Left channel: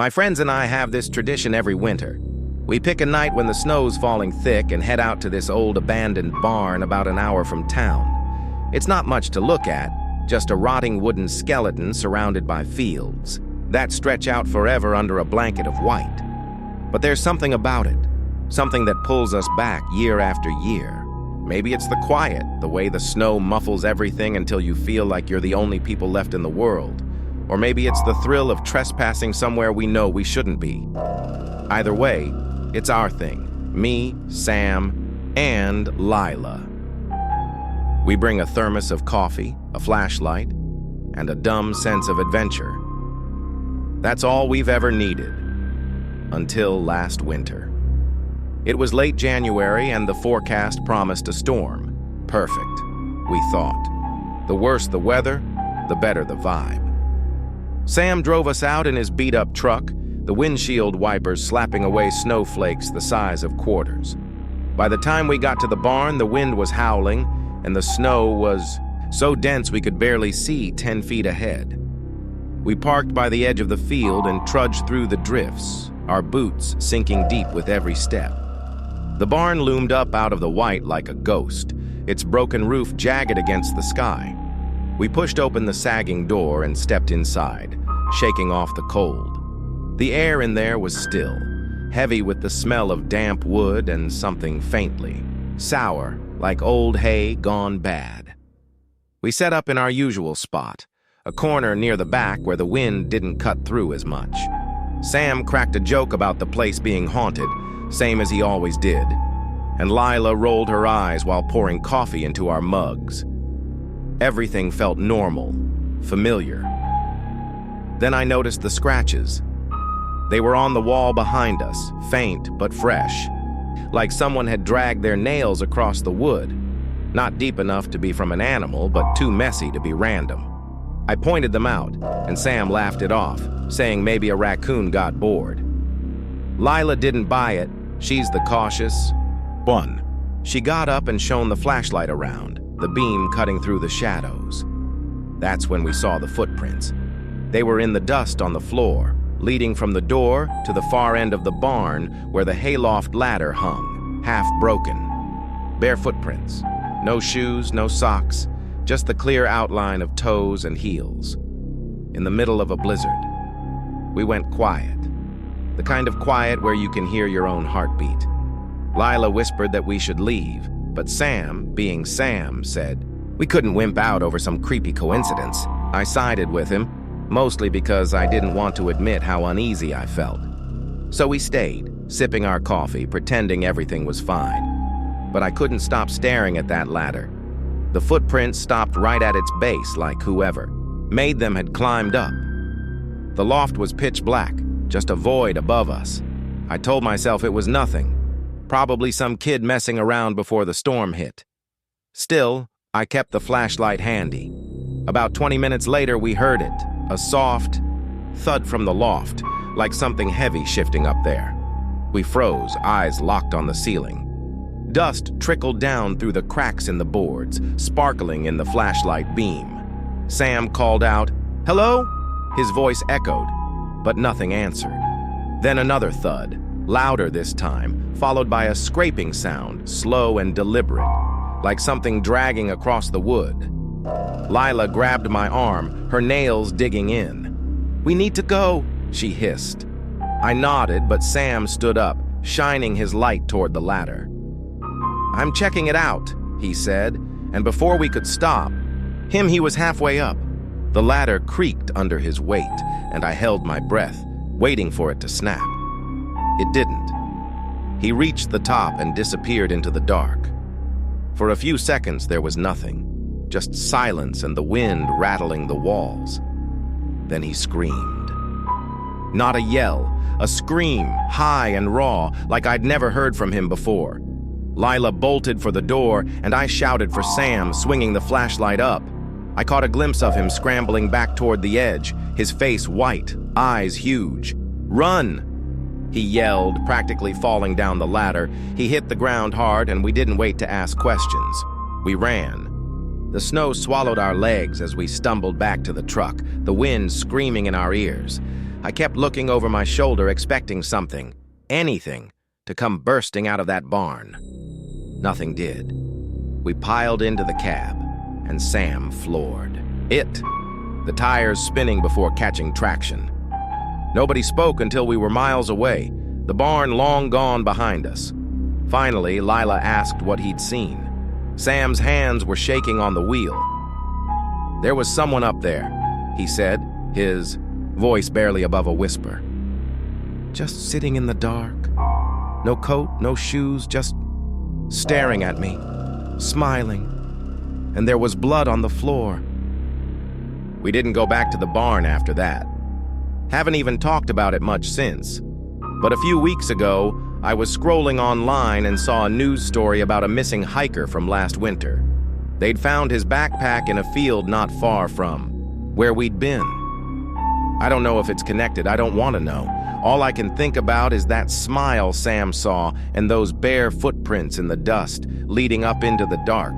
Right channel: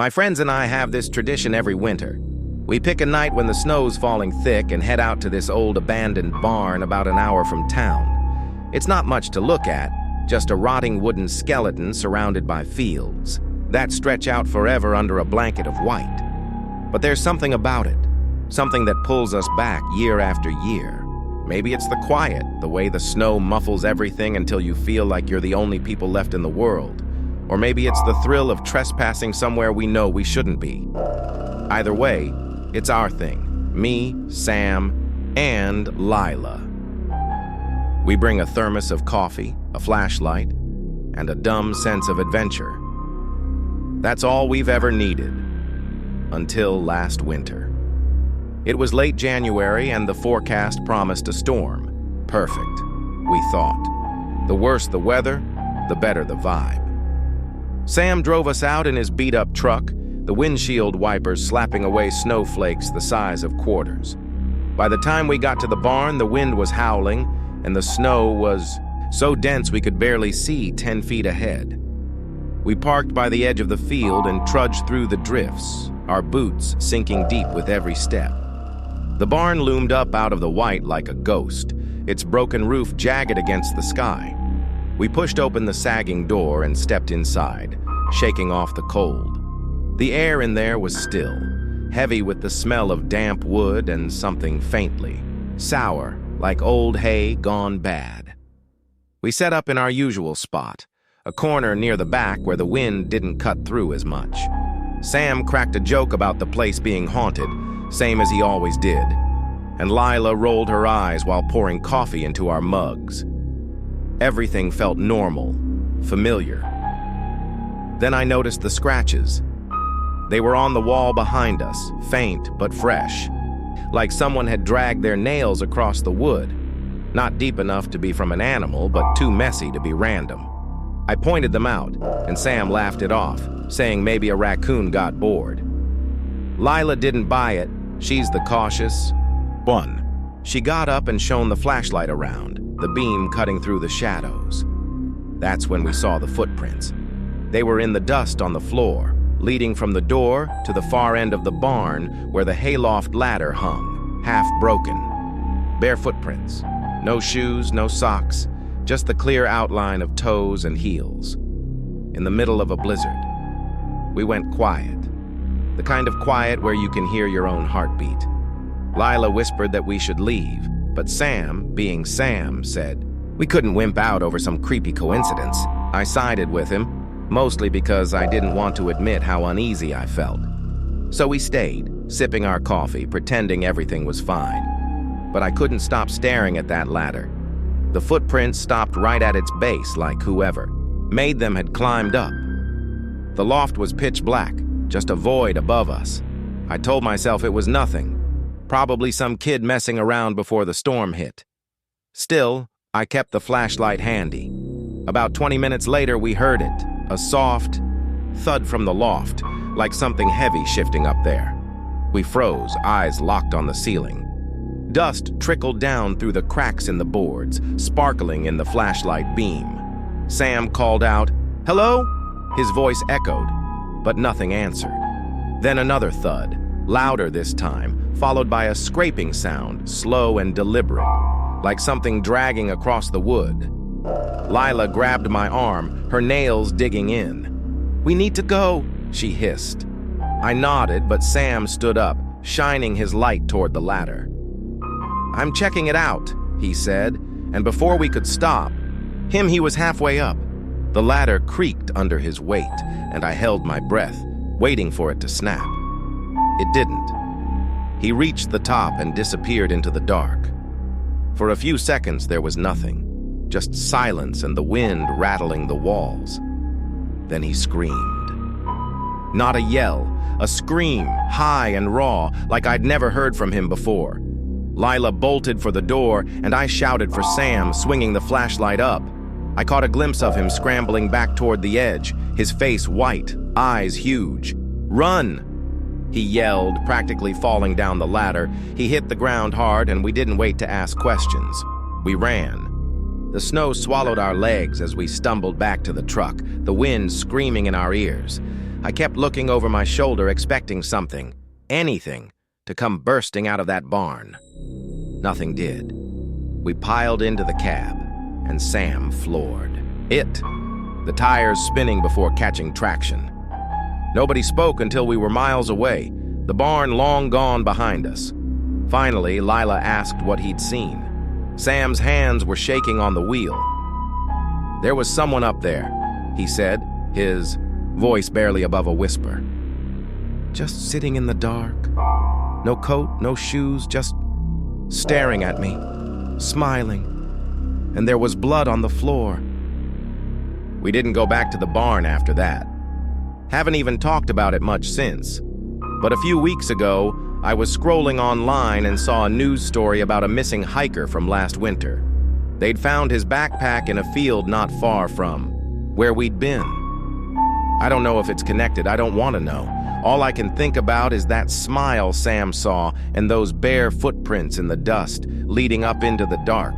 My friends and I have this tradition every winter. We pick a night when the snow's falling thick and head out to this old abandoned barn about an hour from town. It's not much to look at, just a rotting wooden skeleton surrounded by fields that stretch out forever under a blanket of white. But there's something about it, something that pulls us back year after year. Maybe it's the quiet, the way the snow muffles everything until you feel like you're the only people left in the world. Or maybe it's the thrill of trespassing somewhere we know we shouldn't be. Either way, it's our thing. Me, Sam, and Lila. We bring a thermos of coffee, a flashlight, and a dumb sense of adventure. That's all we've ever needed. Until last winter. It was late January and the forecast promised a storm. Perfect, we thought. The worse the weather, the better the vibe. Sam drove us out in his beat-up truck, the windshield wipers slapping away snowflakes the size of quarters. By the time we got to the barn, the wind was howling, and the snow was so dense we could barely see 10 feet ahead. We parked by the edge of the field and trudged through the drifts, our boots sinking deep with every step. The barn loomed up out of the white like a ghost, its broken roof jagged against the sky. We pushed open the sagging door and stepped inside, shaking off the cold. The air in there was still, heavy with the smell of damp wood and something faintly sour, like old hay gone bad. We set up in our usual spot, a corner near the back where the wind didn't cut through as much. Sam cracked a joke about the place being haunted, same as he always did, and Lila rolled her eyes while pouring coffee into our mugs. Everything felt normal, familiar. Then I noticed the scratches. They were on the wall behind us, faint but fresh, like someone had dragged their nails across the wood, not deep enough to be from an animal, but too messy to be random. I pointed them out, and Sam laughed it off, saying maybe a raccoon got bored. Lila didn't buy it. She's the cautious one. She got up and shone the flashlight around, the beam cutting through the shadows. That's when we saw the footprints. They were in the dust on the floor, leading from the door to the far end of the barn where the hayloft ladder hung, half broken. Bare footprints. No shoes, no socks, just the clear outline of toes and heels. In the middle of a blizzard. We went quiet. The kind of quiet where you can hear your own heartbeat. Lila whispered that we should leave, but Sam, being Sam, said we couldn't wimp out over some creepy coincidence. I sided with him, mostly because I didn't want to admit how uneasy I felt. So we stayed, sipping our coffee, pretending everything was fine. But I couldn't stop staring at that ladder. The footprints stopped right at its base, like whoever made them had climbed up. The loft was pitch black, just a void above us. I told myself it was nothing, probably some kid messing around before the storm hit. Still, I kept the flashlight handy. About 20 minutes later, we heard it, a soft thud from the loft, like something heavy shifting up there. We froze, eyes locked on the ceiling. Dust trickled down through the cracks in the boards, sparkling in the flashlight beam. Sam called out, "Hello?" His voice echoed, but nothing answered. Then another thud, louder this time, followed by a scraping sound, slow and deliberate, like something dragging across the wood. Lila grabbed my arm, her nails digging in. "We need to go," she hissed. I nodded, but Sam stood up, shining his light toward the ladder. "I'm checking it out," he said, and before we could stop, he was halfway up. The ladder creaked under his weight, and I held my breath, waiting for it to snap. It didn't. He reached the top and disappeared into the dark. For a few seconds there was nothing, just silence and the wind rattling the walls. Then he screamed. Not a yell, a scream, high and raw, like I'd never heard from him before. Lila bolted for the door, and I shouted for Sam, swinging the flashlight up. I caught a glimpse of him scrambling back toward the edge, his face white, eyes huge. "Run!" he yelled, practically falling down the ladder. He hit the ground hard, and we didn't wait to ask questions. We ran. The snow swallowed our legs as we stumbled back to the truck, the wind screaming in our ears. I kept looking over my shoulder, expecting something, anything, to come bursting out of that barn. Nothing did. We piled into the cab, and Sam floored. The tires spinning before catching traction. Nobody spoke until we were miles away, the barn long gone behind us. Finally, Lila asked what he'd seen. Sam's hands were shaking on the wheel. "There was someone up there," he said, his voice barely above a whisper. "Just sitting in the dark. No coat, no shoes, just staring at me, smiling. And there was blood on the floor." We didn't go back to the barn after that. Haven't even talked about it much since. But a few weeks ago, I was scrolling online and saw a news story about a missing hiker from last winter. They'd found his backpack in a field not far from where we'd been. I don't know if it's connected. I don't want to know. All I can think about is that smile Sam saw and those bare footprints in the dust leading up into the dark.